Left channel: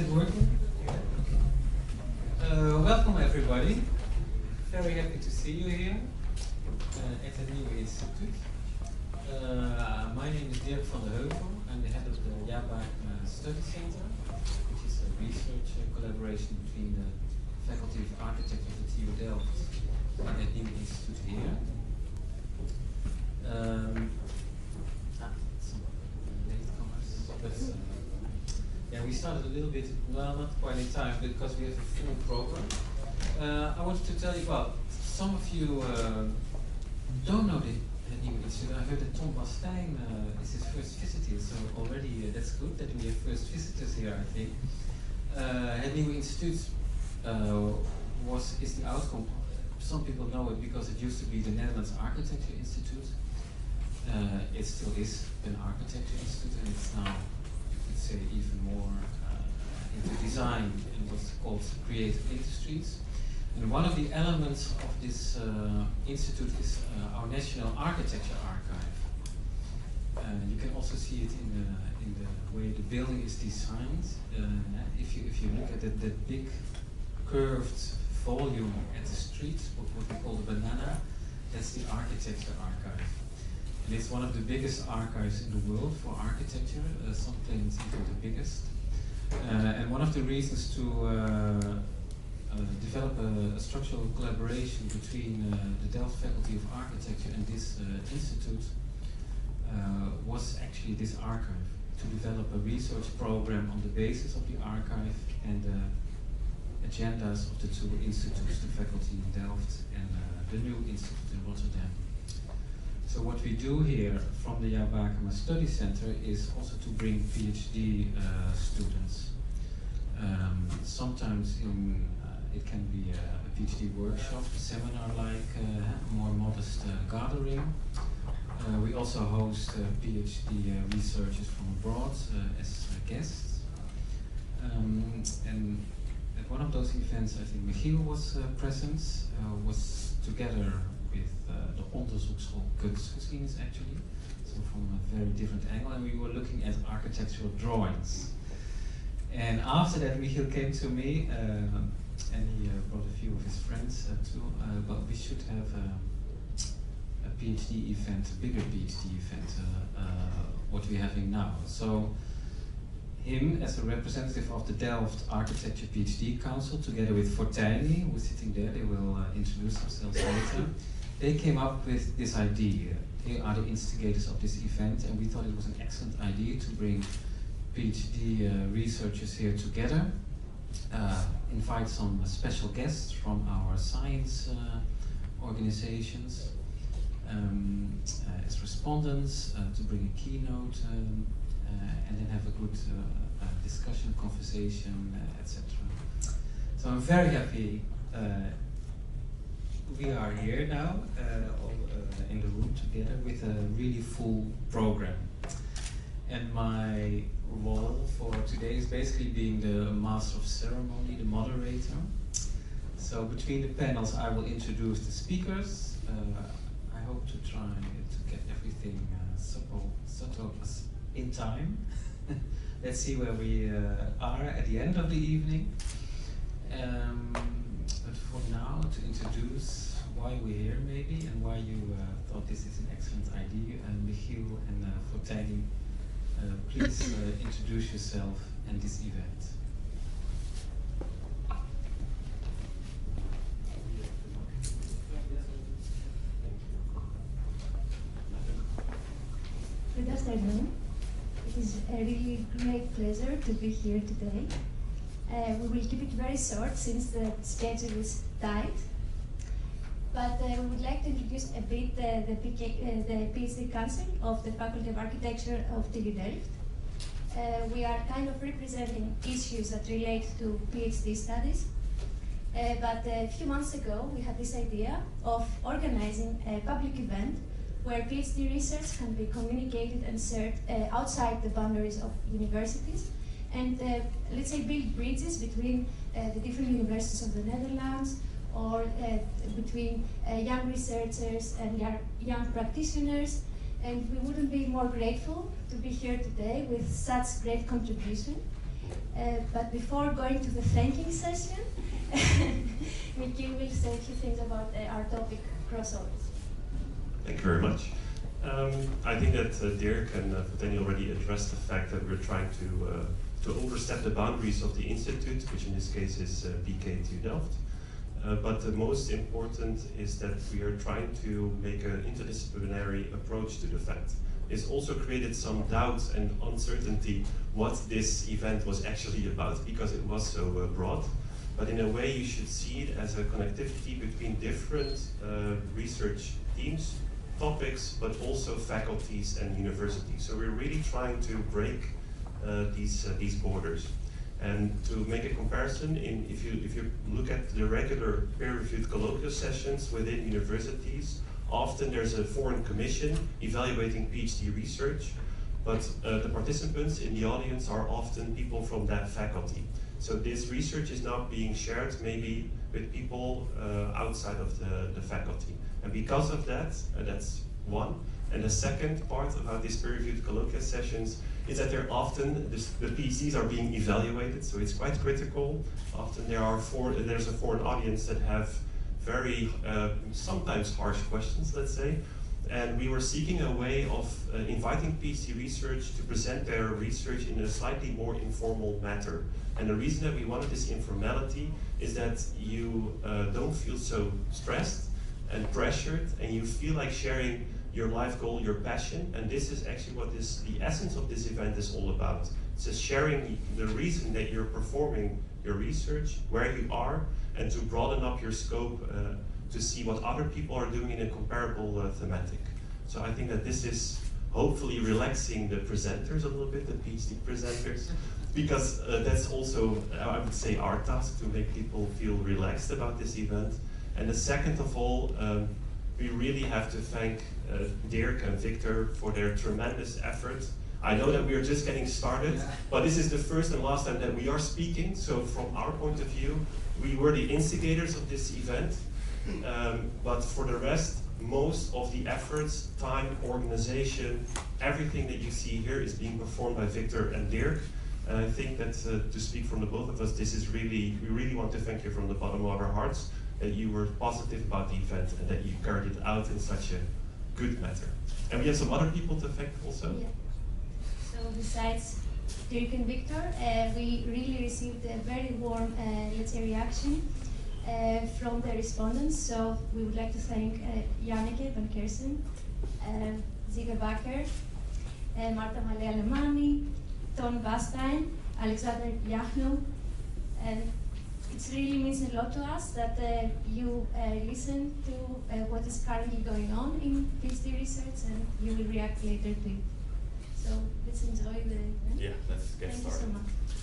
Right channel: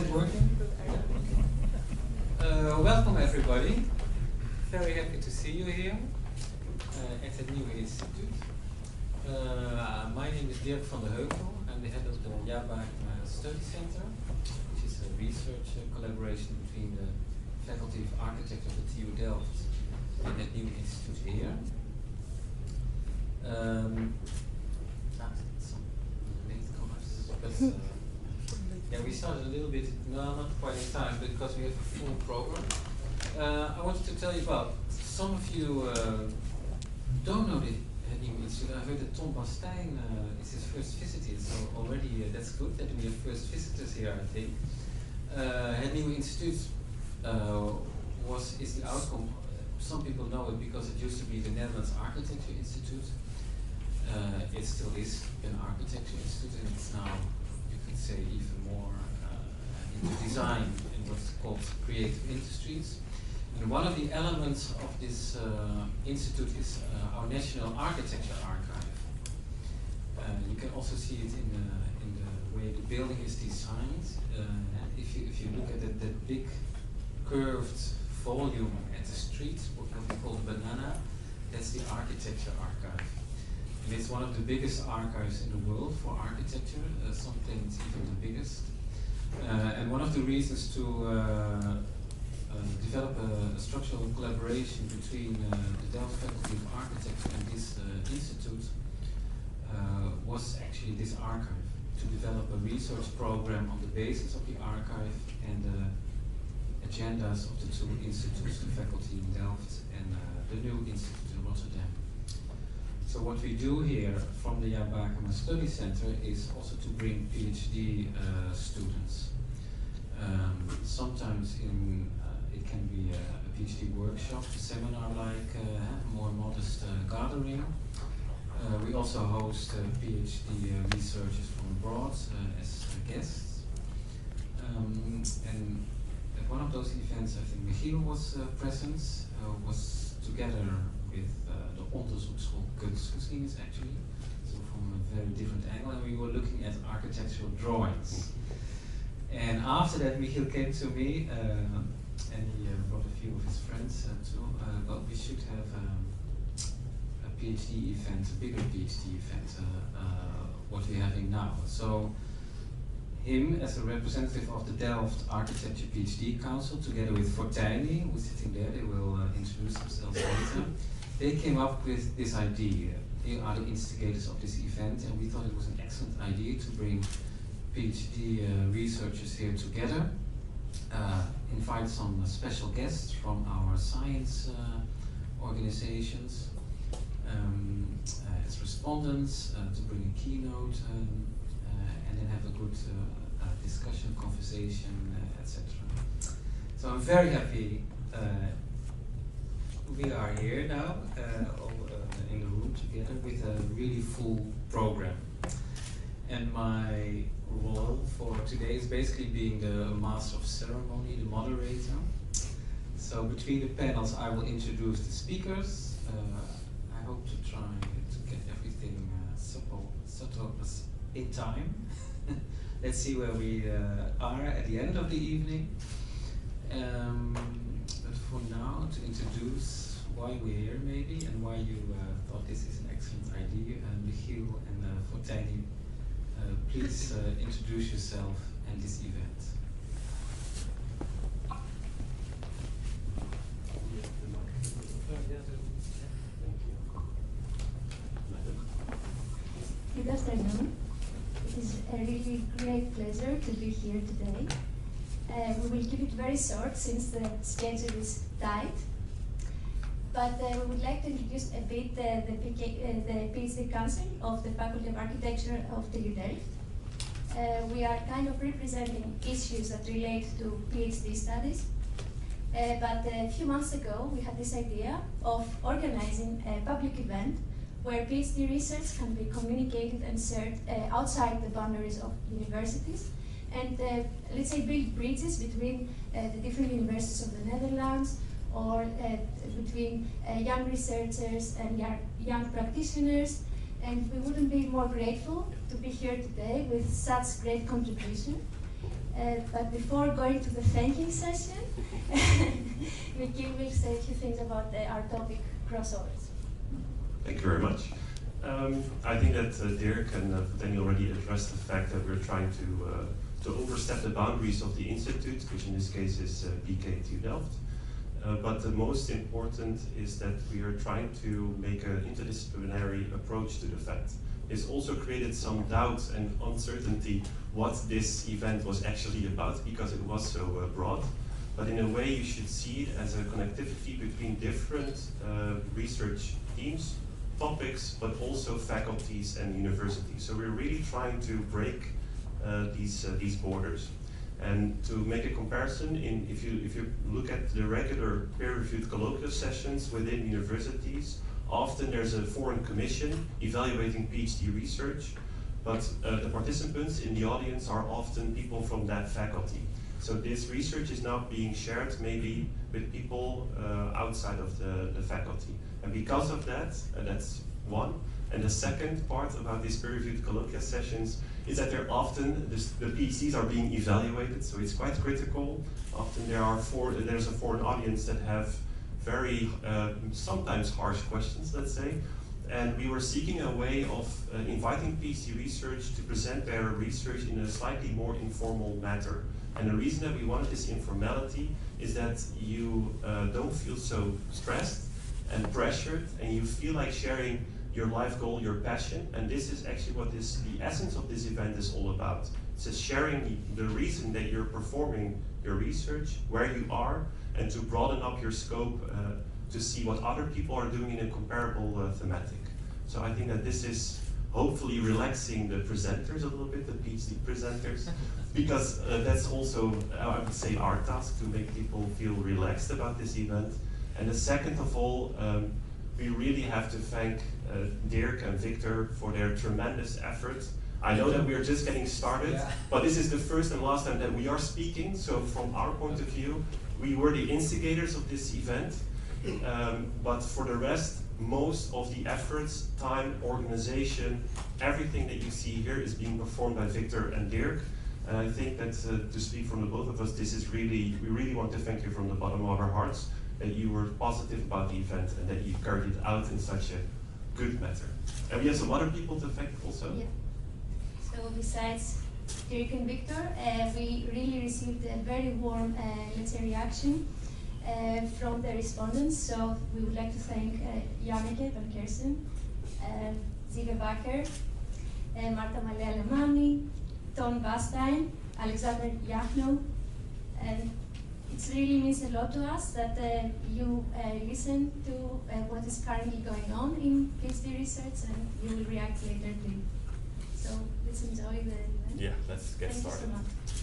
it working? Welcome everybody. Very happy to see you here at the Nieuwe Instituut. My name is Dirk van de Heuvel. I'm the head of the Jabak Study Center, which is a research collaboration between the Faculty of Architecture of the TU Delft and the Nieuwe Instituut here. Some latecomers, but yeah, we started a little bit, no, not quite in time, because we have a full program. I wanted to tell you about, some of you don't know the Nieuwe Instituut. I heard that Tom Bastijn is his first visit here, so already that's good that we have first visitors here, I think. Het Nieuwe Instituut is the outcome. Some people know it because it used to be the Netherlands Architecture Institute. It still is an architecture institute, and it's now, you could say, even more into design and what's called creative industries. And one of the elements of this institute is our National Architecture Archive. You can also see it in the way the building is designed. If you look at that big curved volume at the street, what we call the banana, that's the Architecture Archive. And it's one of the biggest archives in the world for architecture, sometimes even the biggest. And one of the reasons to develop a structural collaboration between the Delft Faculty of Architecture and this institute was actually this archive, to develop a research program on the basis of the archive and the agendas of the two institutes, the faculty in Delft and the new institute in Rotterdam. So what we do here from the Jabakema Study Center is also to bring PhD students. Sometimes it can be a PhD workshop, a seminar-like, more modest gathering. We also host PhD researchers from abroad as guests. And at one of those events, I think Michiel was present, was together with the Onderzoekschool Kunstgeschiedenis actually, so from a very different angle, and we were looking at architectural drawings. And after that, Michiel came to me, and he brought a few of his friends too, but we should have a PhD event, a bigger PhD event, what we're having now. So him, as a representative of the Delft Architecture PhD Council, together with Foteini, who's sitting there, they will introduce themselves later. They came up with this idea. They are the instigators of this event, and we thought it was an excellent idea to bring PhD researchers here together, invite some special guests from our science organizations as respondents, to bring a keynote, and then have a good discussion, conversation, etc. So I'm very happy we are here now, all in the room together with a really full program. And my role for today is basically being the master of ceremony, the moderator. So between the panels I will introduce the speakers. I hope to try to get everything subtle in time. Let's see where we are at the end of the evening. But for now, to introduce why we're here maybe, and why you thought this is an excellent idea, Michiel and Foteini, please introduce yourself and this event. Good afternoon. It is a really great pleasure to be here today. We will keep it very short since the schedule is tight. But we would like to introduce a bit the PhD Council of the Faculty of Architecture of TU Delft. We are kind of representing issues that relate to PhD studies. But a few months ago, we had this idea of organizing a public event where PhD research can be communicated and shared outside the boundaries of universities, and let's say build bridges between the different universities of the Netherlands, or between young researchers and young practitioners. And we wouldn't be more grateful to be here today with such great contribution. But before going to the thanking session, Michiel will say a few things about our topic, crossovers. Thank you very much. I think that Dirk and Foteini already addressed the fact that we're trying to overstep the boundaries of the institute, which in this case is BK2 Delft. But the most important is that we are trying to make an interdisciplinary approach to the fact. It's also created some doubt and uncertainty what this event was actually about, because it was so broad. But in a way you should see it as a connectivity between different research teams, topics, but also faculties and universities. So we're really trying to break these borders. And to make a comparison, if you look at the regular peer-reviewed colloquial sessions within universities, often there's a foreign commission evaluating PhD research, but the participants in the audience are often people from that faculty. So this research is now being shared maybe with people outside of the faculty. And because of that, that's one. And the second part about these peer-reviewed colloquial sessions is that they're often, the PhDs are being evaluated, so it's quite critical. Often there's a foreign audience that have very, sometimes harsh questions, let's say. And we were seeking a way of inviting PhD research to present their research in a slightly more informal manner. And the reason that we wanted this informality is that you don't feel so stressed and pressured, and you feel like sharing your life goal, your passion, and this is actually what the essence of this event is all about. It's just sharing the reason that you're performing your research, where you are, and to broaden up your scope to see what other people are doing in a comparable thematic. So I think that this is hopefully relaxing the presenters a little bit, the PhD presenters, because that's also, I would say, our task to make people feel relaxed about this event. And the second of all, we really have to thank Dirk and Victor for their tremendous effort. I know that we're just getting started, but this is the first and last time that we are speaking, so from our point of view, we were the instigators of this event, but for the rest, most of the efforts, time, organization, everything that you see here is being performed by Victor and Dirk. And I think that to speak from the both of us, this is really, we really want to thank you from the bottom of our hearts that you were positive about the event and that you carried it out in such a good manner. And we have some other people to thank also. Yeah. So besides Dirk and Victor, we really received a very warm, let's say, reaction from the respondents. So we would like to thank Janneke van Kersen, Ziege Bakker, Marta Malé-Alemani, Ton Bastein, Alexander Yachno, and it really means a lot to us that you listen to what is currently going on in PhD research, and you will react later to it. So let's enjoy the event. Yeah, let's get started. Thank you so much.